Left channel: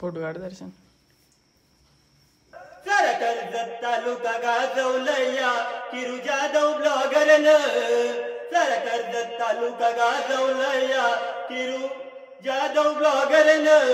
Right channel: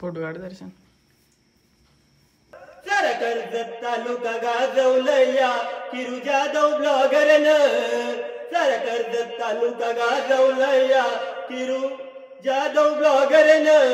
Photo काढ दर्शन. कर्जत तालुका गाजवलया किरू जाधव ब्लॉगरनं. कर्जत तालुका गाजवलया किरू जाधव ब्लॉगरनं.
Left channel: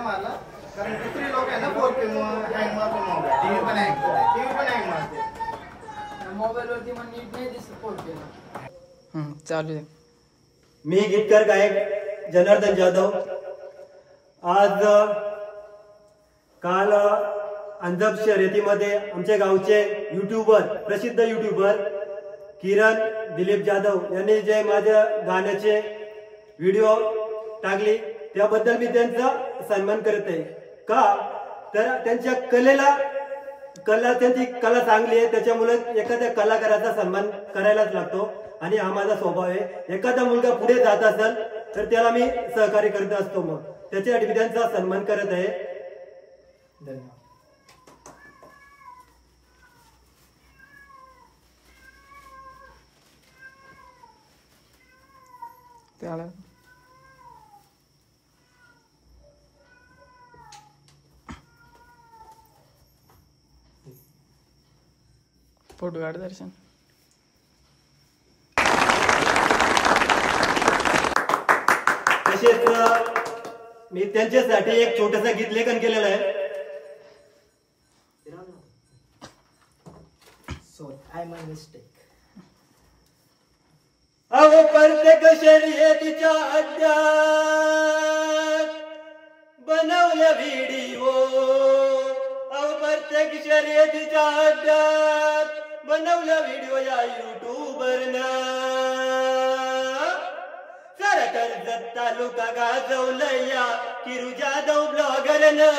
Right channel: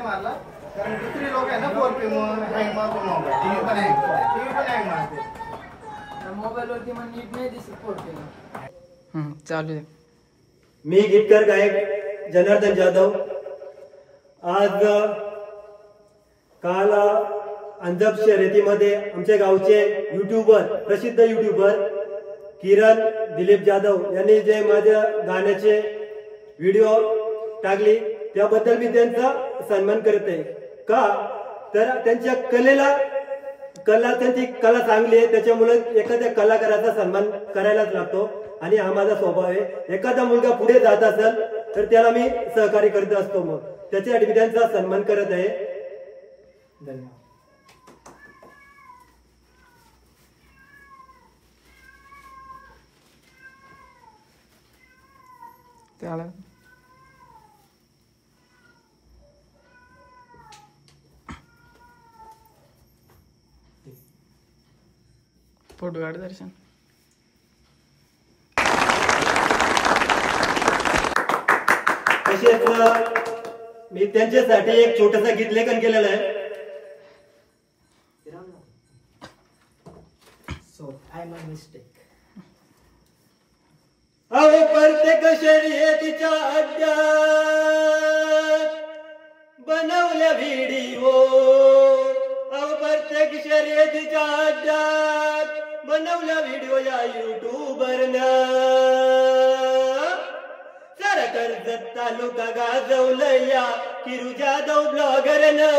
मारला कारण दुसरे लोक आहे ना 4K हँग मारतो टीव्ही पण हँग मारते मोबाईल वरती पण नीट नाही दिसत 4K ला. चालू आहे. मी गीतकार गायक जनार्दन जाधव. आज काल अंजप शर्यतीमध्ये आमच्या गावचे युट्यूबर प्रसिद्ध युट्यूबर किरण दिलीप जाधव यांनी जे माझ्या गाण्याचे व्हिडिओ टाकले त्याबद्दल मी त्यांचा सन्मान करत आहे. का तर त्यांच्या त्यांची कला चांगली आहे त्याच्यामुळे एखाद्या कलाकाराचा सन्मान करायलाच लागतो आणि हा माझा स्वभाव आहे. एखादा मुलगा पुढे जात असेल तर त्याला मी सहकार्य करत असतो. मग त्याच्यासाठी मी त्यांचा सन्मान करत आहे. धन्यवाद. फोटो काढ दर्शन. तसेच मी त्यांच्यासाठी एक छोटस गीत लेखन केलेलं आहे. अहो प्रत्येक शर्यतीच्या अड्ड्यात बनवल्या व्हिडिओ. अहो प्रत्येक शर्यतीच्या अड्ड्यात बनवल्या व्हिडिओ या युट्यूबरनं. कर्जत तालुका गाजवलया किरू जाधव ब्लॉगरनं.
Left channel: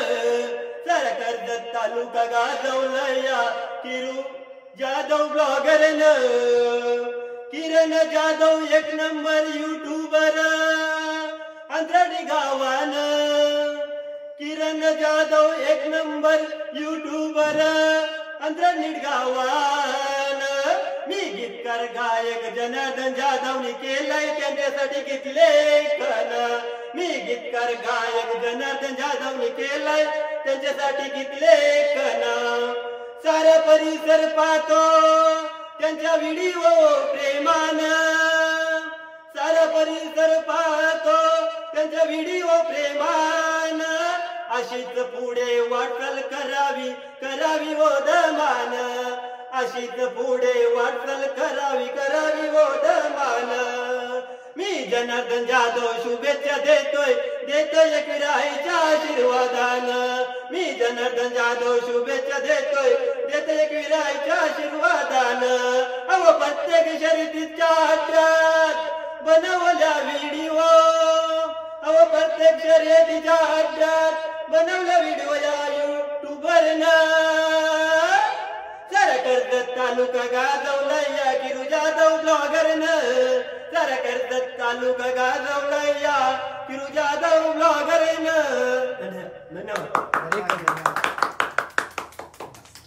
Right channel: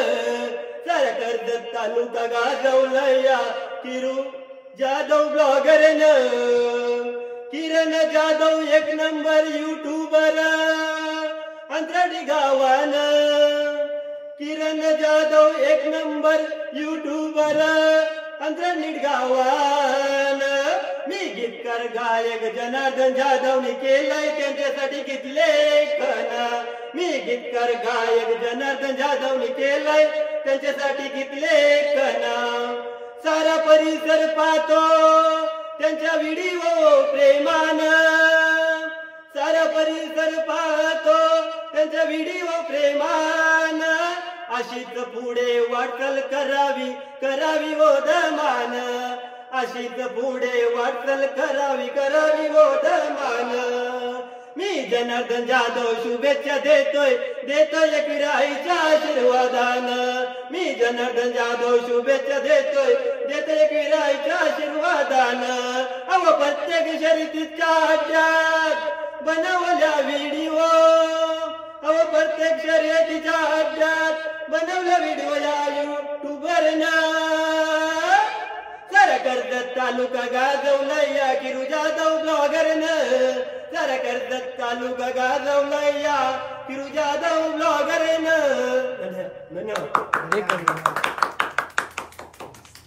कर्जत तालुका गाजवलया किरू जाधव ब्लॉगरनं. किरण जाधव एक नंबर युट्यूबर अंतरडी गावानं. किरण जाधव एक नंबर युट्यूबर अंतरडी गावानं. मी गीतकार गायक जनार्दन जाधवनी केलंय त्यांच्यासाठी गीत लेखन. मी गीतकार गायक जनार्दन जाधवनी केलंय त्यांच्यासाठी गीत लेखन. सारा परिसर पाहतो त्यांच्या व्हिडिओ प्रेमानं. सारा परिसर पाहतो त्यांच्या व्हिडिओ प्रेमानं. अशीच पुढे वाटचाल करावी हो दमान. अशीच पुढे वाटचाल करावी हो दमान. मी जनार्दन जाधव शुभेच्छा देतोय एक विराईच्या आशीर्वादानं. मी जनार्दन जाधव शुभेच्छा देतोय एक विराईच्या आशीर्वादानं. अहो प्रत्येक शर्यतीच्या अड्ड्यात बनवल्या व्हिडिओ. अहो प्रत्येक शर्यतीच्या अड्ड्यात बनवल्या व्हिडिओ या युट्यूबरनं. कर्जत तालुका गाजवलया किरू जाधव ब्लॉगरनं. कर्जत तालुका गाजवलया किरू जाधव ब्लॉगरनं.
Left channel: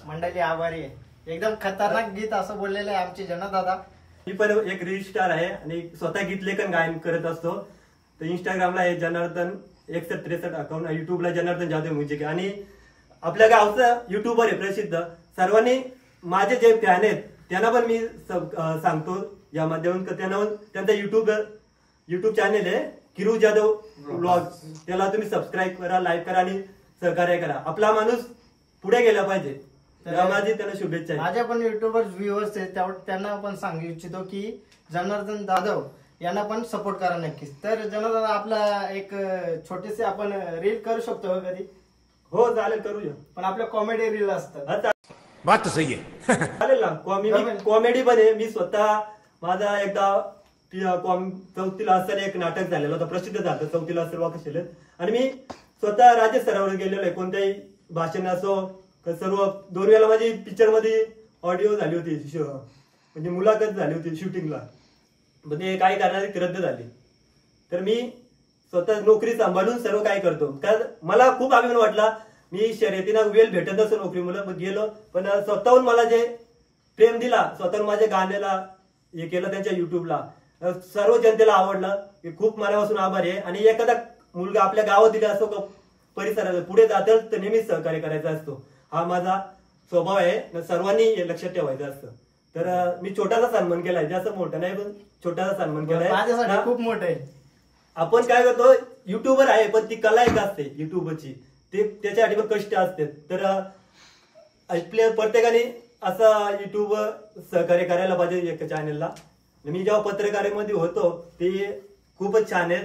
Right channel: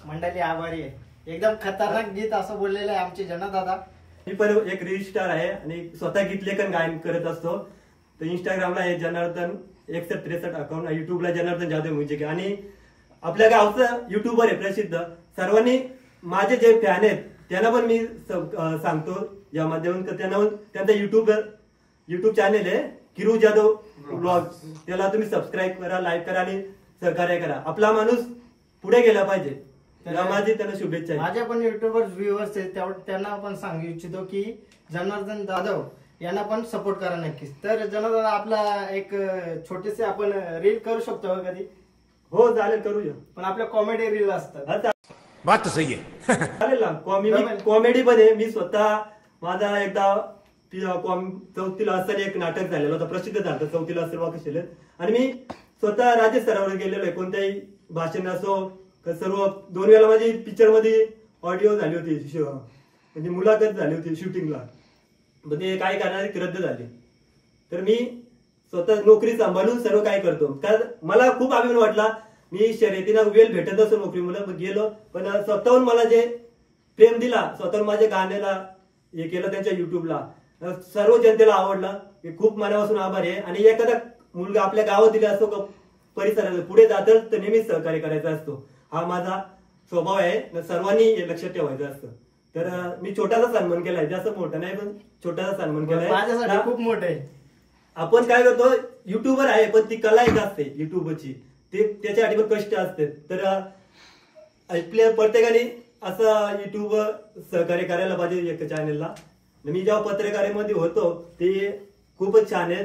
मंडळी आभारी आहे. एकदम खतरनाक गीत असं बोललेलं आहे आमचे जनादादा. मी पण एक रील स्टार आहे आणि स्वतः गीत लेखन गायन करत असतो. तर इंस्टाग्रामला आहे जनार्दन 6163 अकाउंट. युट्यूबला जनार्दन जाधव म्युझिक. आणि आपल्या गावचा युट्यूबर आहे प्रसिद्ध. सर्वांनी माझे जे फॅन आहेत त्यांना पण मी सांगतो या माध्यमातून त्यांचा युट्यूब चॅनेल आहे किरू जाधव ब्लॉग. त्याला तुम्ही सबस्क्राईब करा, लाईक करा आणि सहकार्य करा. आपला माणूस पुढे गेला पाहिजे. माझी त्यांना शुभेच्छा. माझ्या पण युट्यूबर व्ह्युअर्स आहेत त्यांना पण सांगू इच्छितो की जनार्दन जाधव यांना पण सपोर्ट करा नक्कीच. तर जनार्दन आपला एक छोटीशी आपण रील करू शकतो कधी? हो चालेल, करूया. पण आपल्या कॉमेडी रील असतात. बात तो सही है. चालेल ना. कॉमेडी पण आहे. मी स्वतः माझा एकदा 4थीला असताना एक नाटक झालेलं होतं, प्रसिद्ध झालं 4थीला असताना कशाला. आणि मी स्वतः राज्य स्तरावर गेलेलो आहे. कोणत्याही भाषण असो सर्व 2 वेळा माझी पिक्चर मध्ये ऑडिओ झाली होती, म्हणजे मुलाखत झाली होती शूटिंगला. पण ते काही कारणाने रद्द झाली. तर मी स्वतः नोकरी सांभाळून सर्व काय करतो. कारण मला खूप अभिमान वाटला. मी शर्यतीला वेळ भेटत असो नोकरी मुलं गेलो, पण स्वतःहून मला जे प्रेम दिला, स्वतःहून माझ्या गाण्याला हे केलं त्यांच्या युट्यूबला, सर्व जनतेला आवडलं. खूप मनापासून आभारी आहे. आणि एखादा मुलगा आपल्या गावातील असो का परिसरात पुढे जातच तर नेहमीच सहकार्य करायचा असतो. हा माझा स्वभाव आहे. सर्वांनी हे लक्षात ठेवायचं असतं. तर मी छोटासा सन्मान केलाय, जास्त मोठा नाही पण छोटासा सन्मान केलाय. माझ्यासाठी खूप मोठं आहे. आपण काय करतो, युट्यूबर आहे पण ती कला एक असते युट्यूबची, ते त्याच्यासाठी पण कष्ट असते. तर आपल्या प्रत्येकाने असं युट्यूब सहकार्य करायला पाहिजे एक चॅनेलला. मी जेव्हा पत्रकारितेमध्ये होतो ते खूपच छान आहे.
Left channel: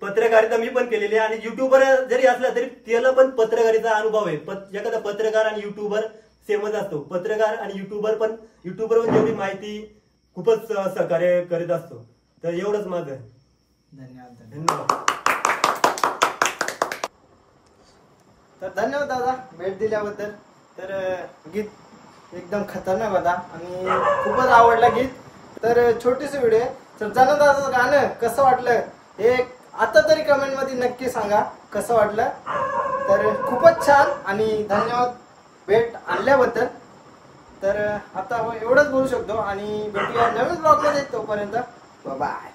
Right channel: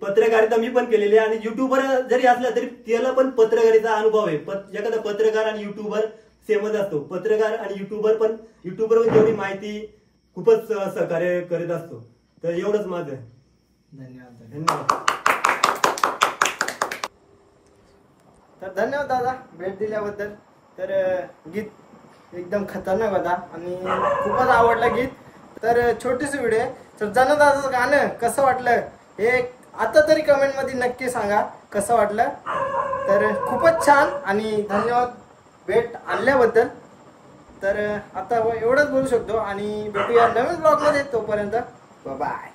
पत्रकारिता मी पण केलेली आहे. आणि युट्यूबर जरी असला तरी त्याला पण पत्रकारिता अनुभव आहे. एखादा पत्रकार आणि युट्यूबर सेमच असतो. पत्रकार आणि युट्यूबर पण जेवढी माहिती खूपच सहकार्य करीत असतो. तर एवढंच माझं आहे. धन्यवाद. तर धन्यवाद दादा भेट दिल्याबद्दल. तर गीत एकदम खतरनाक होता आणि खूपच आवडला गीत. तर छोटीशी व्हिडिओ आहे. तर दादाचं गाणं कसं वाटलं हे आता तरी कमेंट मध्ये नक्की सांगा कसं वाटलं. तर खूपच छान आणि धन्यवाद भेट आणल्याबद्दल. तर आता एवढंच बोलू शकतो आणि भेटूया नवीन ब्लॉग मध्ये. तोपर्यंत बाय.